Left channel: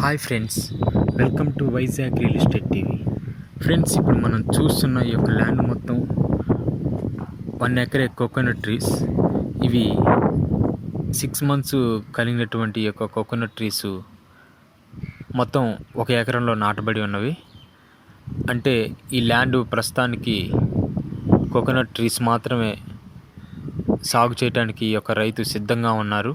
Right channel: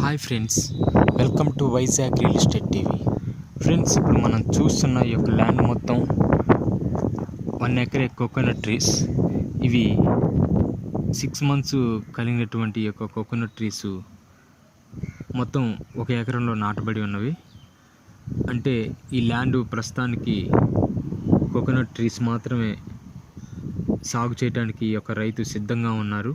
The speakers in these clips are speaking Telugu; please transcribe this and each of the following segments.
Hi friends, welcome to Vizag real estate TV. Friends, ఇప్పుడు మనం చూస్తున్న ఈ యొక్క ల్యాండ్ మొత్తం 1 ఎకరే కోకోనట్ ట్రీస్. ఇవి 6 months కలిగినటువంటి ఈ యొక్క కోకోనట్ ట్రీస్ మొత్తం 1 ఎకరంలో నాటబడి ఉన్నవి. అంటే ఈ ల్యాండ్ ప్రస్తుతానికి కోకోనట్ ట్రీస్ మాత్రమే సాగు చేయడానికి ఈ యొక్క రైతు సిద్ధంగా ఉన్నారు.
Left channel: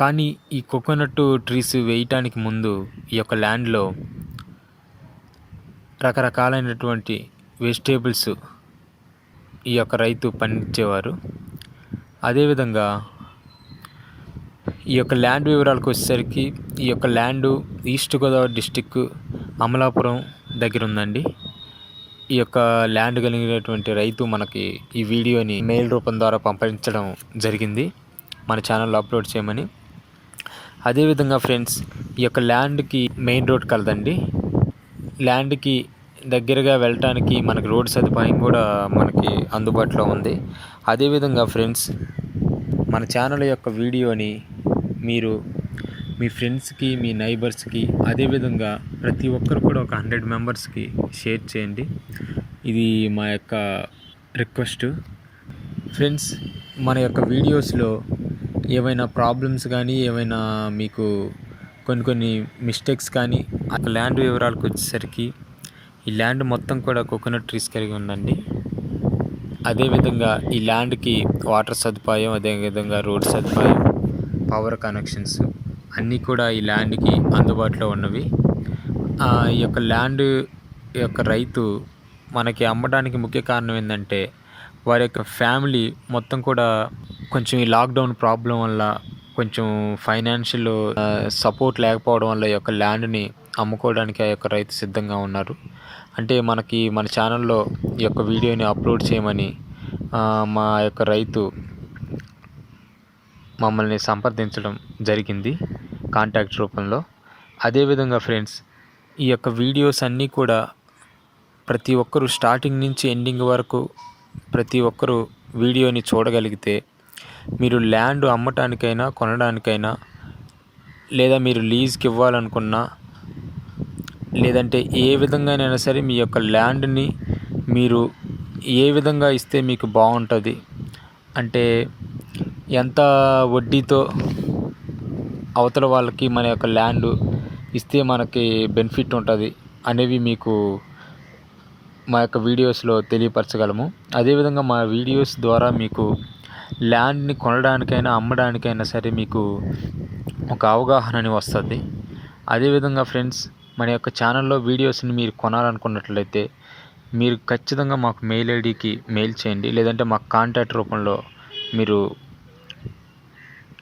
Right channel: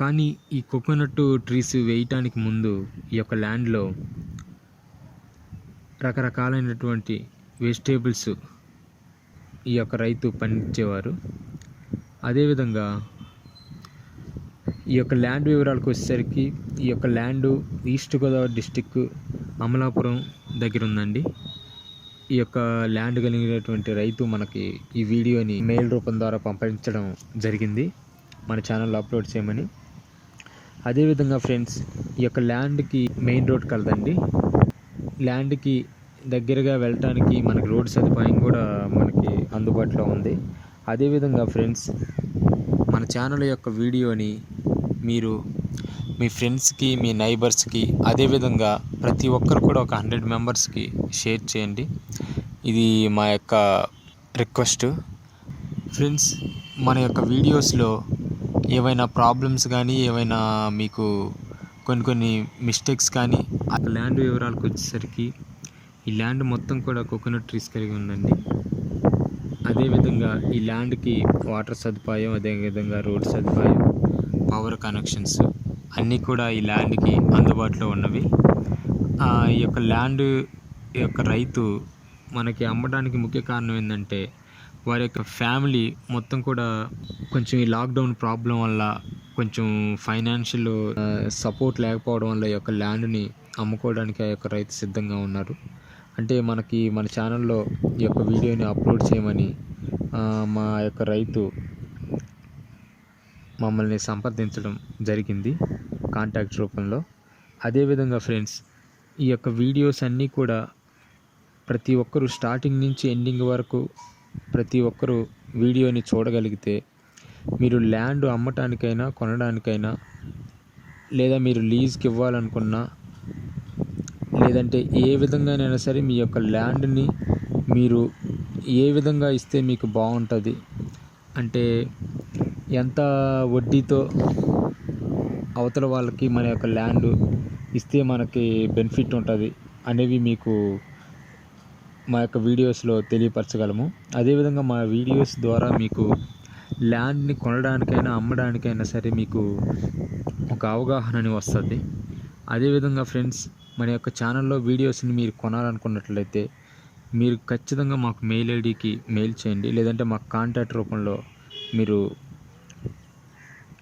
కానీ ఈ కోకోనట్ ట్రీస్ వేయటానికి ముందు ఈ యొక్క ల్యాండ్లో రకరకాలైనటువంటి వెజిటేబుల్స్ ఈ యొక్క రైతు పండించేవారు. అదేవిధంగా ఈ యొక్క ల్యాండ్ వివరాలకు వచ్చేసరికి ఈ యొక్క land east Godavari district Amalapuram దగ్గర ఉందండి. ఈ యొక్క ల్యాండ్ కలిగినటువంటి రైతు మనకి ఈ వీడియోని మెయిల్ రూపం ద్వారా పంపించడం జరిగింది మన ఛానల్లో అప్లోడ్ చేయమని. అదేవిధంగా ఫ్రెండ్స్, ఈ యొక్క ల్యాండ్కి మెయిన్ రోడ్ కలదండి. ల్యాండ్కి దగ్గరగా వెళ్ళటానికి మనకి రోడ్ సదుపాయం కూడా మనకి అందుబాటులో ఉంది. అదేవిధంగా ఫ్రెండ్స్, మన ఛానల్ యొక్క వీడియోని మీరు మీ ఫ్రెండ్స్కి, మీ నైబర్స్కి, అదేవిధంగా ప్రతి ఒక్కరు కూడా ఒక 100 మెంబర్స్కి షేర్ చేయండి. ఇది మా యొక్క రిక్వెస్ట్. ఫ్రెండ్స్, మన యొక్క వీడియోస్లో ఏవైనా ప్రాబ్లమ్స్ కానీ, ఏవైనా మీకు కొన్ని మిస్టేక్స్ కానీ, ఆ ల్యాండ్ వివరాలకు వచ్చేసరికి ఈ ల్యాండ్ మొత్తం కూడా కోకోనట్ ట్రీస్ కలిగి ఉందండి. అదేవిధంగా ఈ ల్యాండ్కి వాటర్ సదుపాయం, అదేవిధంగా రోడ్ సదుపాయం, పవర్ కనెక్షన్స్ అన్నీ కూడా ఈ ల్యాండ్కి అందుబాటులో ఉన్నవి. ఈ యొక్క ల్యాండ్ యొక్క రైతు మనకి అమ్మడానికి ముఖ్య కారణం ఏంటంటే, వారి యొక్క ఫ్యామిలీ మొత్తం కూడా కొంచెం ఈ లాక్డౌన్ ప్రాబ్లం వల్ల కొంచెం ఫైనాన్షియల్ సపోర్ట్ లేకపోవడం వల్ల ఈ యొక్క ల్యాండ్ని అమ్ముకోవడానికి ఆ యొక్క రైతు సిద్ధంగా ఉన్నారు. అంటే మన ఛానల్లో ఈ యొక్క వీడియోని అప్లోడ్ చేయమని మా యొక్క రైతు మమ్మల్ని సంప్రదించడం జరిగింది కాంటాక్ట్ రూపంలో. అదేవిధంగా ఫ్రెండ్స్, ఈ యొక్క వీడియోస్ అన్నీ కూడా ప్రతి ఒక్కరూ స్టార్టింగ్ నుంచి ఎండింగ్ వరకు ప్రతి ఒక్కరూ వీడియోని చూడగలిగితే మీరు ల్యాండ్ అమ్మటానికైనా, కొనడానికైనా, లేదా మీరు లీజ్కి ఇవ్వాలనుకున్నా, లేదంటే ఏ విధంగానైనా సరే మీ యొక్క ల్యాండ్ని మీరు ఏ విధంగా ఇస్తే మీకు బాగుంటుంది, అంటే ఎంత వడ్డీతో అవతల వాళ్ళకి మన యొక్క ల్యాండ్ ఇస్తే మనకి బెనిఫిట్ ఉంటుంది అనేవి మీకు మా యొక్క వీడియోస్లో తెలియపరచగలము. అదేవిధంగా మా వీడియోస్ ద్వారా మీకు ల్యాండ్ని కొనడానికైనా, అమ్మడానికైనా సరే మీకు ఒక అవగాహన వస్తుంది. అదేవిధంగా ఫ్రెండ్స్, మన యొక్క ఛానల్లో వీడియోస్ని మీరు కొనాలనుకున్నట్లయితే మీరు ఖచ్చితంగా మాకు మెయిల్ ఐడికి మెయిల్ చేయండి, లేదంటే మాకు కాంటాక్ట్ రూపంలో మీరు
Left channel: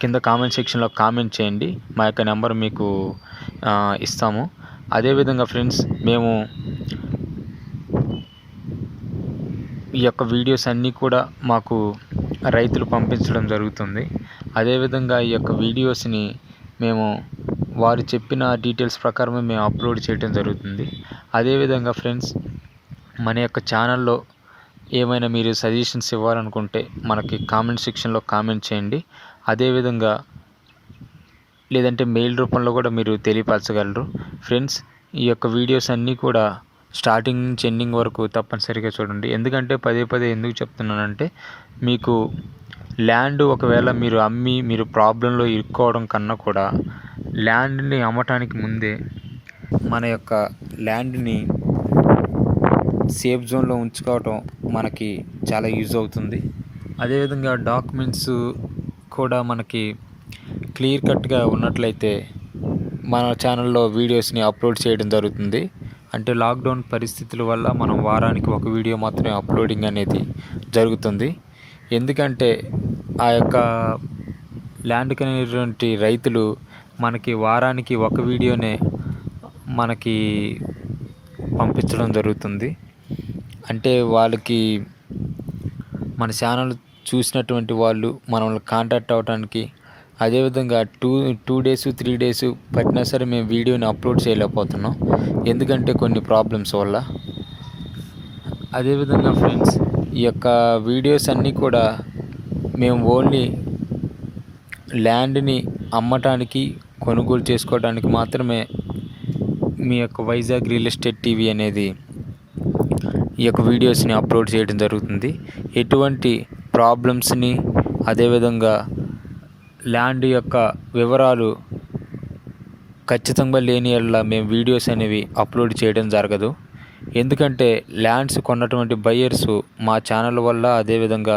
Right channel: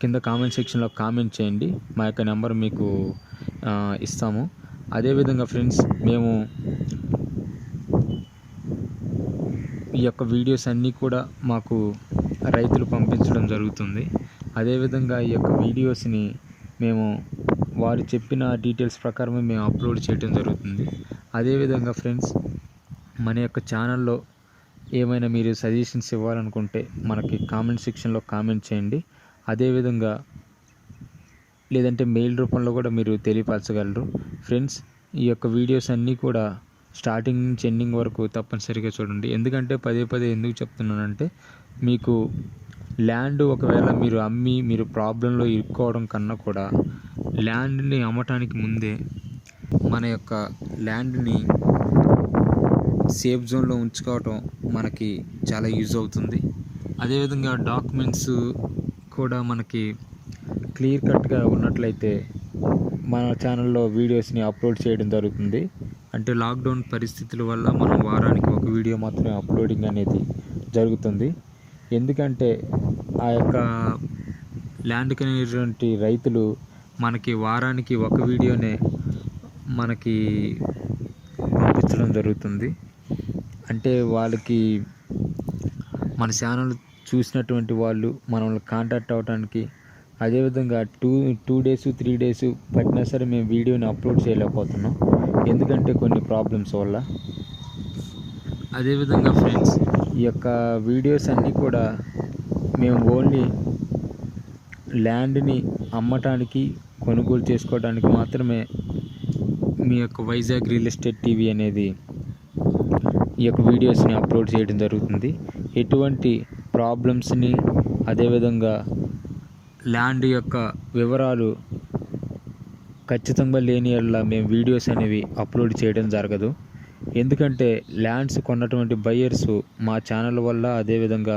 కింద కామెంట్ సెక్షన్లో కామెంట్ చేయండి. మా యొక్క నెంబర్ మీకు ఇస్తాము. అదేవిధంగా ఫ్రెండ్స్, మేము ఈ యొక్క వీడియోస్ అన్నీ కూడా మాకు రైతులు పంపించడం జరుగుతుంది. అదేవిధంగా ఈ యొక్క వీడియోస్ని మేము వారు చెప్పిన డీటెయిల్స్ ప్రకారమే మేము అప్లోడ్ చేయడం జరుగుతుంది. అదేవిధంగా ఫ్రెండ్స్, మన యొక్క ఛానల్లో ఏమైనా మీరు సజెషన్స్ ఇవ్వాలనుకుంటే మనకి కామెంట్ సెక్షన్లో కామెంట్ చేయండి. అదేవిధంగా లేదంటే మెయిల్ రూపంలో కూడా మీరు తెలియపరచగలరు. ఫ్రెండ్స్, ఈ యొక్క వీడియోస్ అన్నీ కూడా స్టార్టింగ్ నుంచి ఎండింగ్ వరకు తప్పనిసరిగా చూడండి. ఎందుకంటే పదే ఎందుకు చెప్తున్నానంటే, మీకు ల్యాండ్ ఒకవేళ మీరు అమ్మి మీరు ప్రాబ్లంలో ఇరుక్కోవడం కన్నా కూడా ల్యాండ్ని అమ్మటానికి ముందే మన యొక్క ల్యాండ్ని సేఫ్ జోన్లో ఉంచుకోవటం మనకి చాలా యూజ్ అవుతుంది. అదేవిధంగా డాక్యుమెంట్స్ కూడా మనకి క్లియర్ కట్గా ఉన్నట్లయితే మన ఛానల్లో వీడియోస్ని అప్లోడ్ చేయడం జరుగుతుంది. అంటే లాక్డౌన్ పరిస్థితుల వల్ల మనం వారానికి ఒక వీడియో మాత్రమే అప్లోడింగ్ అనేది జరుగుతుంది. ఎందుకంటే ఆ యొక్క ల్యాండ్ కలిగినటువంటి రైతులు మనకి వారానికి ఒక వీడియోనే మనకి పంపించడం జరుగుతుంది. అంటే వాళ్ళకి మన ఛానల్ చూసినటువంటి వాళ్ళు మనల్ని కాంటాక్ట్ అవ్వడానికి, అదేవిధంగా 2 days 3 days పట్టినా సరే మేము వీడియోని అప్లోడ్ చేయలేకపోతున్నాం, ఎందుకంటే కొన్ని ప్రాబ్లమ్స్ వల్ల. అదేవిధంగా ఫ్రెండ్స్, ఈ యొక్క వీడియోస్ అన్నీ కూడా మేము ఓన్లీ ల్యాండ్ని అమ్మటానికి కొనుగోలు చేసుకోవడానికి మాత్రమే మీ యొక్క వైజాగ్ రియల్ ఎస్టేట్ టీవీ అనేది ఈ యొక్క వీడియోస్ని అప్లోడ్ చేయడం జరుగుతుంది. ఎటువంటి ప్రాబ్లమ్స్ని, అదేవిధంగా ల్యాండ్ యొక్క వివరాలు ఖచ్చితంగా లేని యెడల మేము వీడియోస్ అనేవి అప్లోడ్ చేయడం జరగదు. ఎందుకంటే ల్యాండ్స్ కొన్నటువంటి బయ్యర్స్ మా ఛానల్ వల్ల, అదేవిధంగా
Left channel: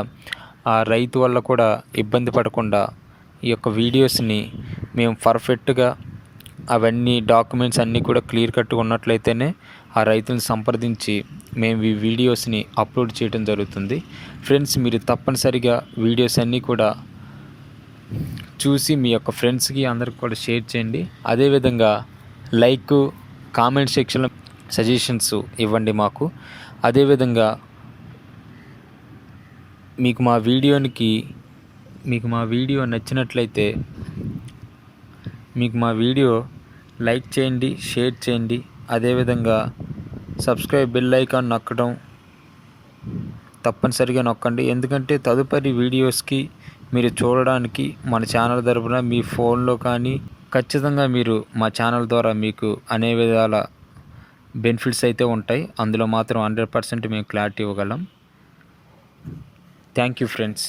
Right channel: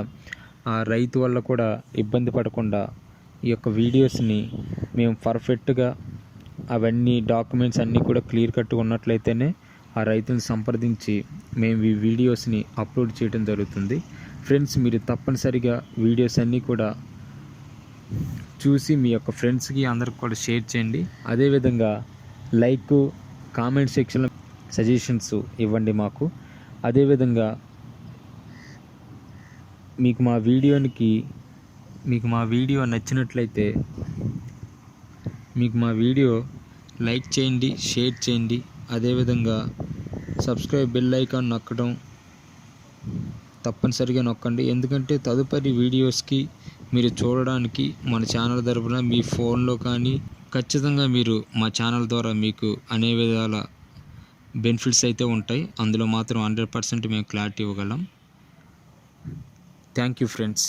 ఆ రైతు వల్ల కూడా ఇబ్బంది పడకుండా ఈ యొక్క వీడియోస్ని మేము పర్ఫెక్ట్గా అవన్నీ డాక్యుమెంట్స్ అన్నీ కూడా క్లియర్ కట్గా ఉన్నట్లయితేనే ఆ రైతుని సంప్రదించి మేము ఈ వీడియోస్ని అప్లోడ్ చేయడం జరుగుతుంది. ఫ్రెండ్స్, మీరు తప్పనిసరిగా వీడియోస్ అన్నీ కూడా చూసి మీ యొక్క ఫ్రెండ్స్కి అందరికి కూడా షేర్ చేయండి. అదేవిధంగా లైక్, కామెంట్ సెక్షన్లో సజెషన్స్ ఇవ్వండి మాకు. అదేవిధంగా మీకు మా వీడియో నచ్చినట్లయితే మీకు మా వీడియో లైక్ చేయండి, షేర్ చేయండి. అదేవిధంగా సబ్స్క్రైబ్ బెల్ ఐకాన్ నొక్కడం తప్పనిసరిగా నొక్కండి. ఎందుకంటే తదుపరి వీడియోస్కి మీరు చూడడానికి మన ఛానల్ తరపున మీ ఫోన్లో కానీ ఖచ్చితంగా మీరు మా ఛానల్ ద్వారా మీకు అనే విధాల బెనిఫిట్స్ అయితే ఉంటాయి. అందులో మాత్రం 100% మేము క్లారిటీ ఇవ్వగలం. Thank you friends.